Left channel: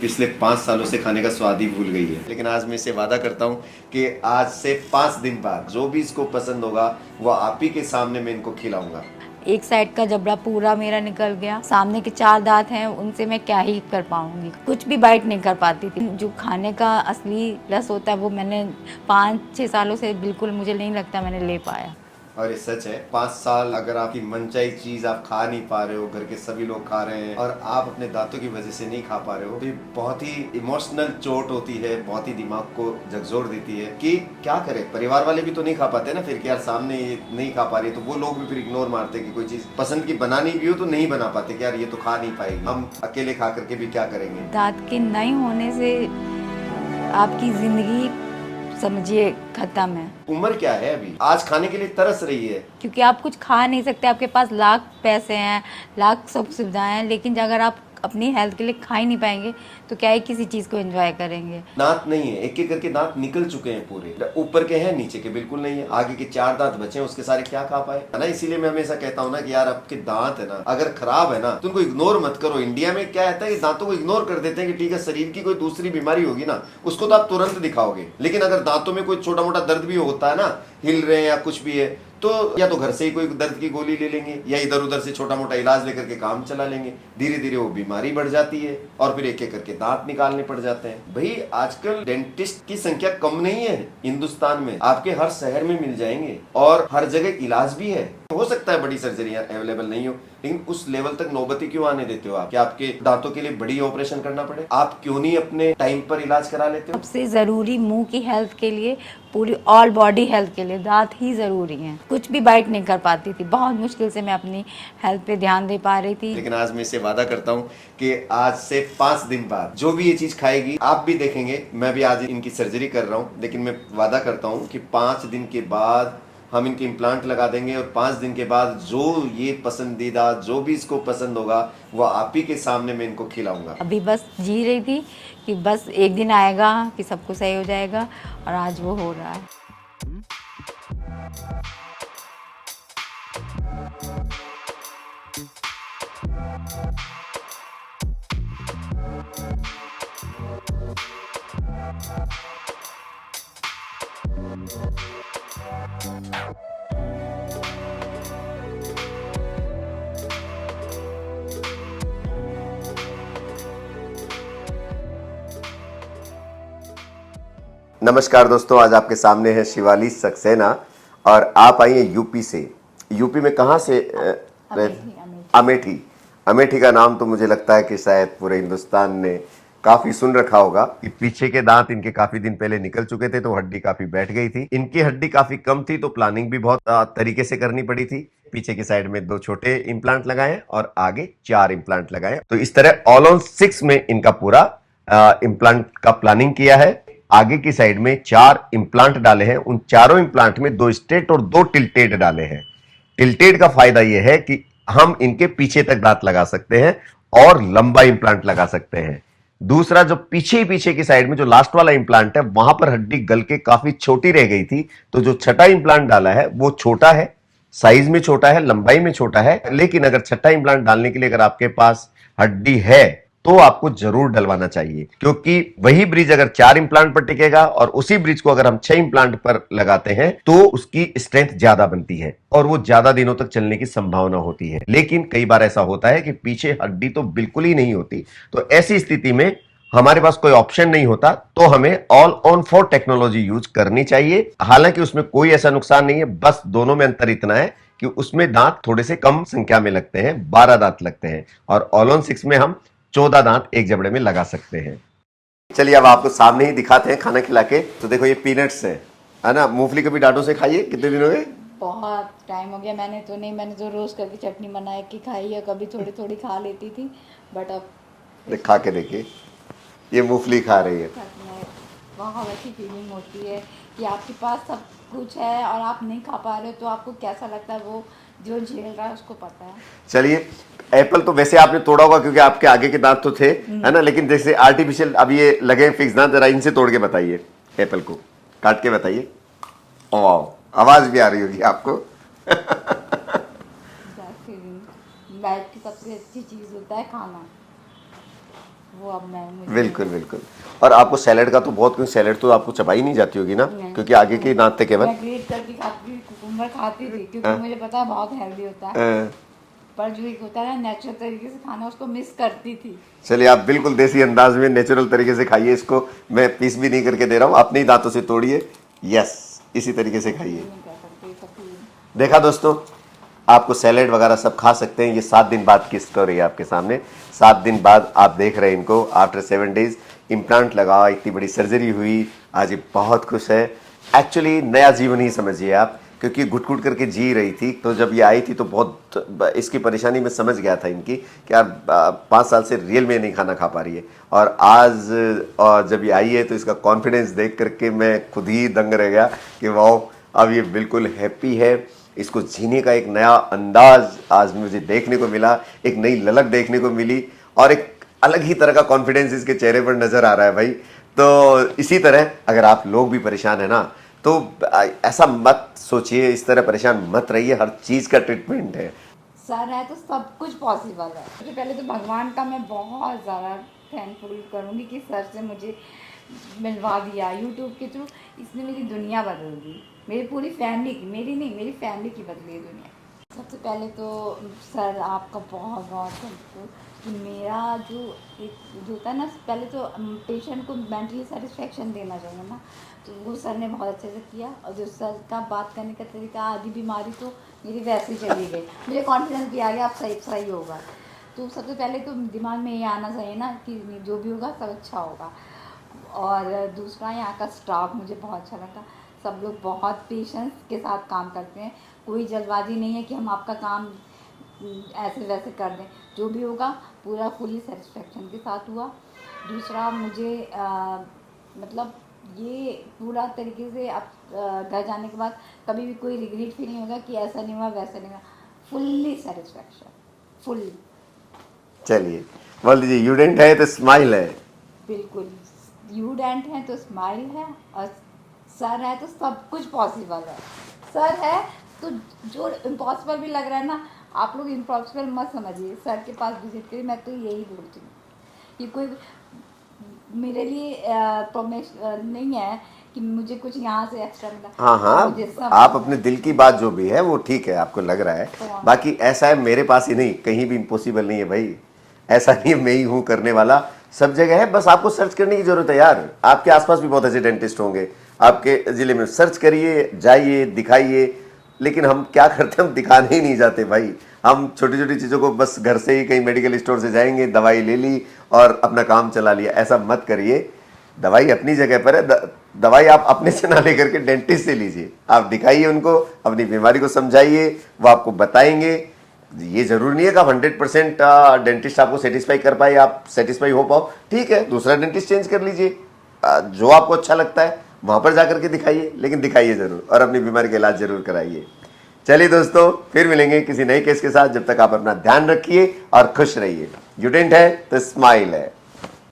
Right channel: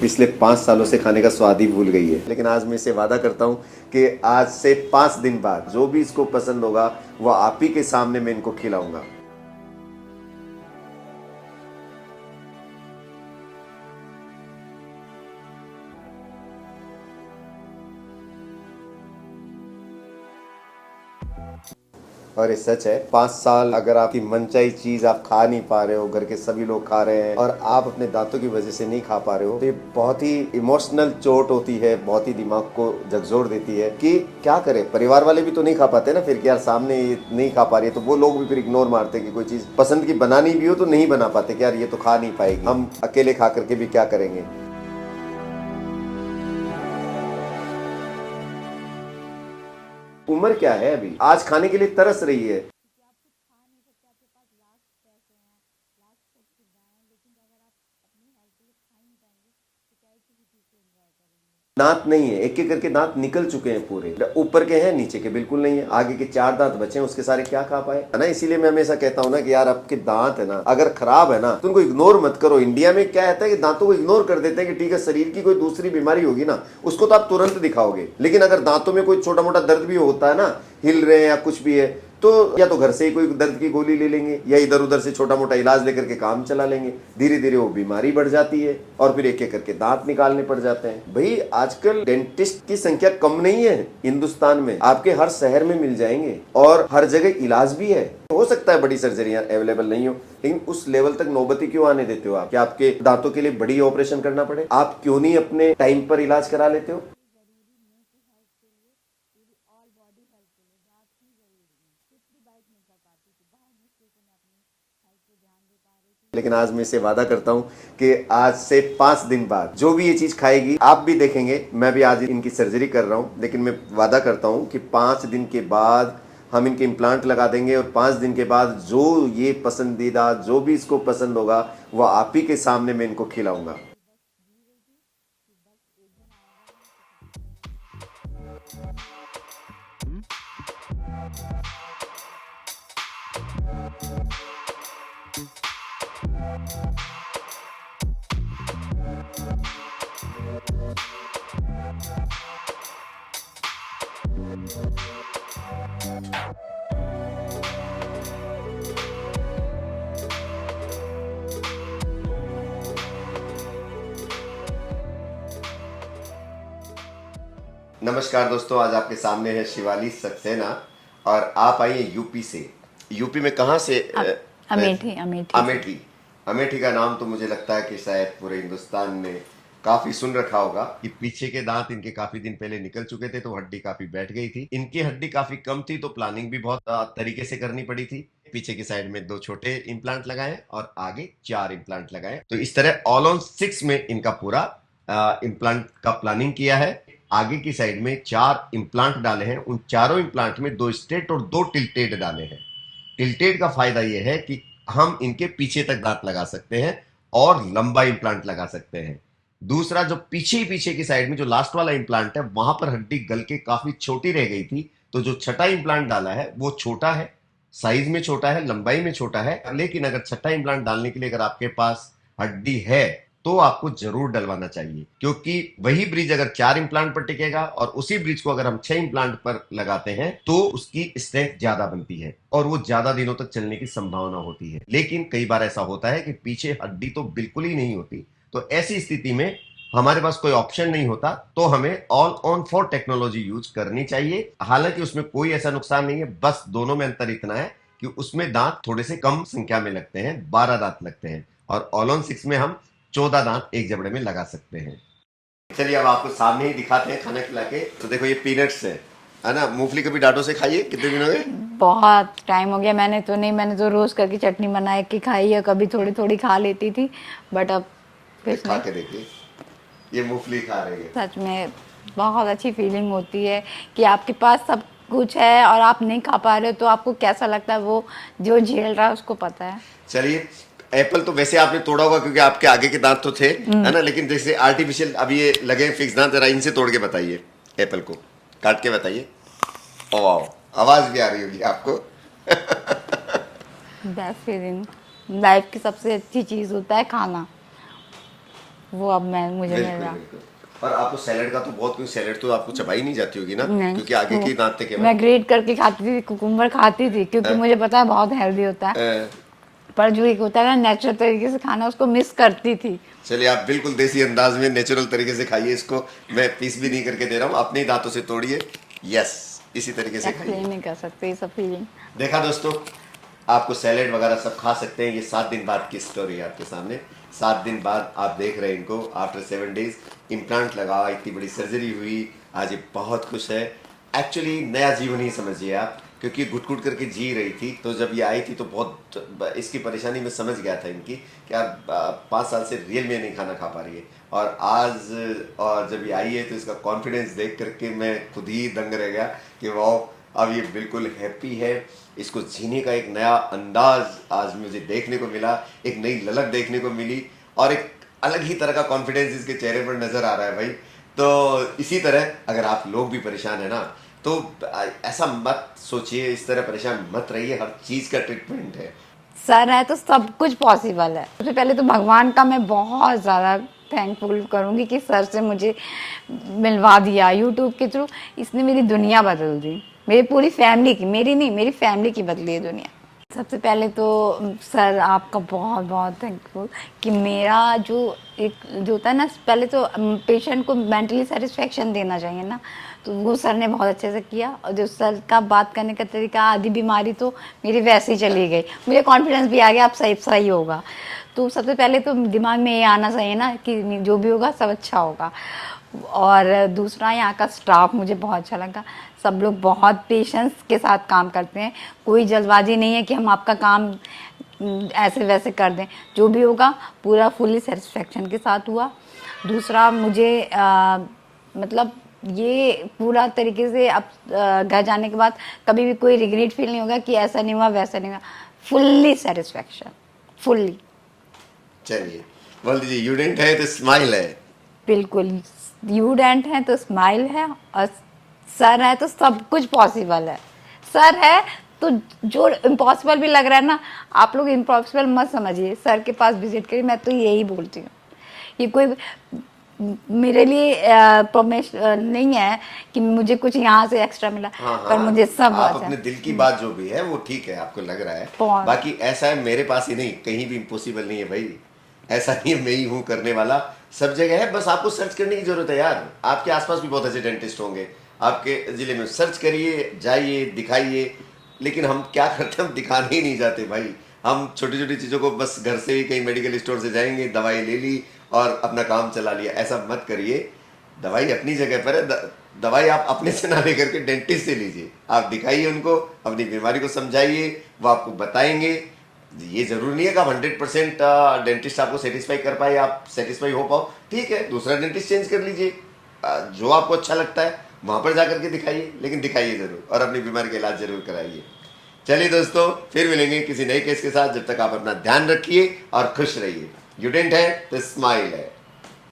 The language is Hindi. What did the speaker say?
पिछले 5 सालों से खाने का स्वाद ही भूल गई है। लेकिन आज मैं इसे वादा करता हूँ कि आज से 5 दिन बाद जो भी इसको पसंद होगा वो आप ही के सामने मैं इनको खिलाऊंगा। एक साइड का जबड़ा पूरा मेरा निकल गया, सामने के 4 दांत हैं, उनसे मैं क्या ही कर पाऊंगी, कुछ भी बाइट नहीं कर पाती थी। जो खाने का असली रस होता है वो मैंने 5-6 सालों से बिल्कुल मुझे नहीं लगता मैंने ले पाया। और ये सच है, 5 साल अगर आपकी मनचाही चीज आप खा नहीं पा रहे हो, घर के सभी लोग खा रहे हैं और आप अपने दांतों की वजह से नहीं खा पा रहे हो, तो ये बहुत ही इमोशनल चोट होती है, बहुत ही दिमाग को झकझोर देती है कि क्या करें। परिवार वाले भी तो नहीं खा पाते ना फिर कि यार सामने ये नहीं खा पा रहे, तो वो लोग भी फिर इग्नोर मारते कि कोई चीज पसंद की बनानी भी हो तो नहीं बना पाते कि यार ये तो खा नहीं पाएगी, हम अकेले खा करके भी क्या करेंगे। दांत के नहीं होने से आपकी जिंदगी समझिए खत्म है। उम्र क्या है अभी, आज खाने के लिए तरस रही है। क्योंकि आप कुछ खा नहीं सकते, आपके पास लाख पैसे हैं, लाख सब सुविधाएं हैं, लेकिन अगर आप अपनी हेल्थ के लिए खा ही नहीं पाएंगे तो क्या ही किसी चीज़ को एंजॉय करेंगे। दांत नहीं है, एक एक करके दांत निकल चुके हैं पूरे, ऊपर के हैं नीचे के बिल्कुल नहीं है, आगे के 4 दांत बचे हैं, उसके सारे क्या खा पाए है ना। इसीलिए मैं हमेशा कहता हूँ ना कि यार आपके दांत है ना अगर खराब है ना तो उनको इग्नोर मत करो। इंडिया में क्या कहता है कि दांतों को इग्नोर कर देते हैं कि ठीक है शरीर की कोई दूसरी बीमारी होगी ना उसको तो आप तुरंत दिखाओगे, लेकिन अगर दांतों में कोई छोटा मोटा दर्द भी होता है ना, हिल रहे हैं या कुछ भी है, तो या तो घर से ही कोई दर्द की गोली ले लेंगे या इधर उधर से छोटा मोटा इलाज लेकर के काम चला लेंगे, धीरे धीरे वो बीमारी बढ़ जाती है और फिर एक एक करके दांत निकालने पड़ जाते हैं। भाई आजकल डेंटिस्ट की संख्या कम नहीं है हिंदुस्तान में, आपके हर शहर में मिल जाएंगे और हर जगह इलाज भी है। हो सकता है बड़ी सर्जरियां अवेलेबल नहीं हो, लेकिन उस लेवल तक नौबती क्यों आने देते हो आप कि आपके दांतों के लिए बड़ी ऑपरेशन करना पड़े? आप क्यों नहीं अपने टाइम पर इलाज करा लेते हो? सबसे ज़रूरी मुंह की हेल्थ के लिए, पूरी ऑल बॉडी हेल्थ के लिए दांत ही ज़रूरी हैं। कुछ भी बाइट नहीं कर पाती थी, बहुत मुश्किल से मैं अपनी हेल्थ पे ध्यान दे पा रही थी। लेकिन आज मैं इसे वादा करता हूँ कि आज से 5 दिन बाद जो भी ये चीज खाएगी आप भी देखेंगे। मैं भी आज इनकी सर्जरी कर रहा हूँ, लेकिन मैं वादा करता हूँ कि 5 दिन के बाद हम इनके इम्प्लांट लगा देंगे और 5 दिन के बाद जो ये पसंदीदा जो भी इसको पसंद होगा वो आप ही के सामने मैं इनको खिलाऊंगा। अभी बस जी रही थी कि बस एक दिन आएगा कि सब कुछ सही हो जाएगा, और आज वो हो रहा है। नमस्कार दोस्तों, आज आपके सामने है शिवाली सक्सेना और आप आई हैं यूपी से। यूपी में कहाँ से? अमेठी। अमेठी। अमेठी। अमेठी का नाम तो मुझे लगता है कि शायद पूरे हिंदुस्तान ने काफी सुन रखा होगा कि पीछे के दांत इनके काफी दिन पहले निकल चुके थे तो हड्डी काफी बैठ गई थी। इनकी हड्डी काफी कम थी तो प्लानिंग भी बहुत तरीके से करनी पड़ी थी। पीछे की साइड में 2 छोटे इम्प्लांट लगाए और आगे 4 इम्प्लांट लगाए, तो इस तरह ऑल ऑन 6 में इनका पूरा इम्प्लांट का प्लानिंग किया है। आगे की साइड में 4 इम्प्लांट डाले हैं, उन चारों इम्प्लांट में 2 स्ट्रेट और 2 टिल्टेड डाले हैं। टिल्टेड का फायदा यह है कि हम इनके पीछे तक दांत लगा सकते हैं और लंबा इम्प्लांट लगा सकते हैं। दूसरा, जो पीछे की साइड में जो लास्ट वाला इम्प्लांट है वहां पर हड्डी गल के काफी छोटी रह गई थी, तो जो छठा इम्प्लांट डाला है वो छोटा है, साइज में छोटा है, लंबाई में छोटा है। लेकिन अगर छठा इम्प्लांट डालने के लिए अगर आपके पास हड्डी है तो आपको जरूर डलवाना चाहिए, क्योंकि वही ब्रिज अगर 4 इम्प्लांट पर टिकेगा और उसी ब्रिज को अगर हम 6 इम्प्लांट पर लगाते हैं तो उसकी स्ट्रेंथ ज्यादा बनती है और वो ज्यादा दिनों तक चलने की संभावना होती है। लेकिन कई बार ऐसा होता है कि पीछे हड्डी तो बिल्कुल ही नहीं होती, तो ऐसी स्थिति में हमारे पास कोई ऑप्शन नहीं होता, तो हमें ऑल ऑन 4 टेक्नोलॉजी यूज करनी चाहिए। हालांकि उसमें कोई ऐसा नुकसान नहीं है, बस दोनों में अंतर इतना है कि उसमें दांत थोड़े से कम संख्या में लगते हैं, 12 दांत लगते हैं, और ऑल ऑन 6 में हम 14 दांत एक जबड़े में लगा सकते हैं। चलिए अब आपको सामने ही दिखाते हैं खाना खिला के। तो देखो ये पीनट्स है ना। मूंगफली कभी डांटों से खाइए? कितने दिनों में? बहुत टाइम हो गया, मैंने तो नहीं, मैंने तो रोज करके चटनी बना के खाई है, कभी थोड़ी थोड़ी खा लेती थी, बट अब खा के देखिए, ये मूंगफली खा रही है। सच में बहुत अच्छी फीलिंग होती है कि आपके पास सब कुछ है और आप नहीं खा पा रहे हो, तो आपको कैसा लगता है, वो जो झेल रहा है उसको पता है। चलिए, एप्पल तो वैसे आपने तोड़ा होगा क्योंकि आपके आगे के दांत तो थे, है ना, लेकिन जैसे आर्टिफिशियल अब ये लगे फिक्स दांत, जरा इनसे तोड़ के बताइए, एप्पल को काट के बताइए। ओ, आवाज भी आ रही होगी आपको। बेस्ट फीलिंग, लाइफ की सबसे अच्छी चीज होता है खाना। वो अब मैं मुझे मिल बिल्कुल रहा। बिल्कुल। और आपको सैलेड का तो बहुत, क्योंकि सैलेड तो आपको चबाई नहीं जाती होगी ना, नहीं, क्योंकि आगे की नाते के मैं ग्रेट करके खाती थी, कुकुम्बर खाती थी क्योंकि मुझे पता है बहुत हेल्दी होता है, पर जो एक होता है ना नेचुरल तरीके से खाना, उसको मिस करती थी। चलिए आप बिल्कुल देसी अंदाज में नेचुरल तरीके से खाइए इसको, मैं पीस भी नहीं करके दे रहा हूँ, अपने ही दांतों से तोड़िए, यस इसी तरीके से खाइए। एक्सप्लेन नहीं कर सकते ये सब फीलिंग। देखा दोस्तों, आपको सैलेड वगैरह सब खा सकते हैं। ये 7 दिन बाद की स्टोरी है आपके सामने। 7 दिन बाद आप देख रहे हैं इनको, आफ्टर 7 डेज इम्प्लांट लगा, इतनी बड़ी सर्जरी हुई, आज ये बहुत खुश है। एक्चुअली नया जीवन ही समझिए आप, क्योंकि घुट घुट करके जी रही थी, तो जब ये आई थी तो बहुत इसकी परेशानी में समझ गया था इनकी कि आप 5 साल से रियल में नहीं खाना खा पा रही है। और आज जब ये आई है तो इसका कॉन्फिडेंस देख करके मैं खुद ही दंग रह गया कि वाह, अब ये बिल्कुल हैप्पी है। इसको जीने का एक नया अंदाज आज मुझे देखने को मिला, एक नई ललक देखने को मिली, और एक अलग ही तरह का कॉन्फिडेंस इसके चेहरे पर नजर आ रहा है भाई। तो इसी तरह अगर आप लोग भी परेशान है ना, तो ऐसा मत सोचिए, इस तरह परेशान मत रहिए, हर चीज का ट्रीटमेंट है। सर है तो सब कुछ पॉसिबल है। सबसे पहले तो भगवान का मैं बहुत ज़्यादा थैंकफुल करूँगी कि सर से मुझे मिलवा दिया यूट्यूब के थ्रू। इसने मेरी दुनिया बदल दी, मेरी पूरी फैमिली की, मेरी नहीं मेरी फैमिली की बदली है दुनिया। सबसे पहले तो सर आपका बहुत बहुत थैंकफुल कि मेरा जो होता है ना, पहले तो पेशेंट को मेंटली सेटिस्फेक्शन देना चाहिए ना, तो वो सर ने बहुत अच्छे से किया। और जो सर का बात करने का तरीका, आधी बीमारी तो मेरी वैसे ही चली गई, मुझे कॉन्फिडेंस भी आ गया अब सही होगा। तो सबसे पहले तो दिमाग में ये आना चाहिए ना कि जो भी होगा सब अच्छा होगा। और दूसरा, यहाँ का स्टाफ मुझे बहुत अच्छा लगा। सब लोग बहुत पेशेंस के साथ काम करते हैं, कोई जल्दबाजी नहीं है कि हम आपका काम ऐसे वैसे कर दें। जो भी होगा पूरा फुली सेटिस्फेक्शन के साथ हुआ। दूसरा, मुझे मतलब ये पूरा तरीके से अब घर जाने के बाद कभी भी कोई रिग्रेट फील नहीं होगा कि ऐसा नहीं हुआ वैसा नहीं हुआ। Fully satisfaction, fully. चलिए बोल दीजिए, यूडेंट है तो स्माइल है। बिल्कुल, यूडेंट है तो स्माइल है, और सर है तो सब कुछ पॉसिबल है। सर है तो जो इम्पॉसिबल भी लग रहा है ना, आप लोग इम्पॉसिबल मत समझिए, सर के पास विजिट करिए। मैं तो यही बोलती हूँ, ये कोई मेरे लिए नहीं है कि मुझे कुछ यहाँ से एक्स्ट्रा मिला। हाँ पर मुझे सब आप बचा। अपने दिल की बात जो भी है वो ठीक है, आपको लग रहा है, बहुत। बाकी ऐसा है मेरे पास ही नहीं, कहीं भी इम्पॉसिबल नहीं है भाई। ऐसा नहीं है मैं ही हूँ करने वाला, सब जगह है, बस आपको सर्च करने की जरूरत है यार। आपके आसपास भी बहुत ऐसे डेंटिस्ट होंगे, आपके जिले में सर्च करिए, जाइए, दिखाइए। लेकिन हम क्या करते हैं, हम दिखाने ही नहीं जाते भाई। हम छोटी छोटी चीज़ों को बस घर से ही कहीं मेडिकल स्टोर से जाएंगे, दवाई ले ली और अपना काम चला लिया। ऐसा मत करिए, दवाई अपनी जगह पर है, दवाई आप अपने से ना लेकर के डेंटिस्ट से लीजिए। आप दिखाइए उनको, अपनी बीमारी को समझाइए, वो आपको बताएंगे। ये जरूरी नहीं है कि आप 100% डेंटिस्ट आपको सेटिस्फाई कर पाए, आप सेटिस्फाई हो पाओ, ठीक है दूसरा डेंटिस्ट चेंज कर लीजिए। जो आपको अच्छा लगता है वहां पर जाकर के दिखाइए, लेकिन दिखाइए जरूर और अपनी बीमारी का इलाज जरूर कराइए। चलिए दोस्तों, फिर मिलेंगे किसी नए केस के साथ। जब तक आप अपना ध्यान रखिए और खुश रहिए। यूडेंट है तो स्माइल है।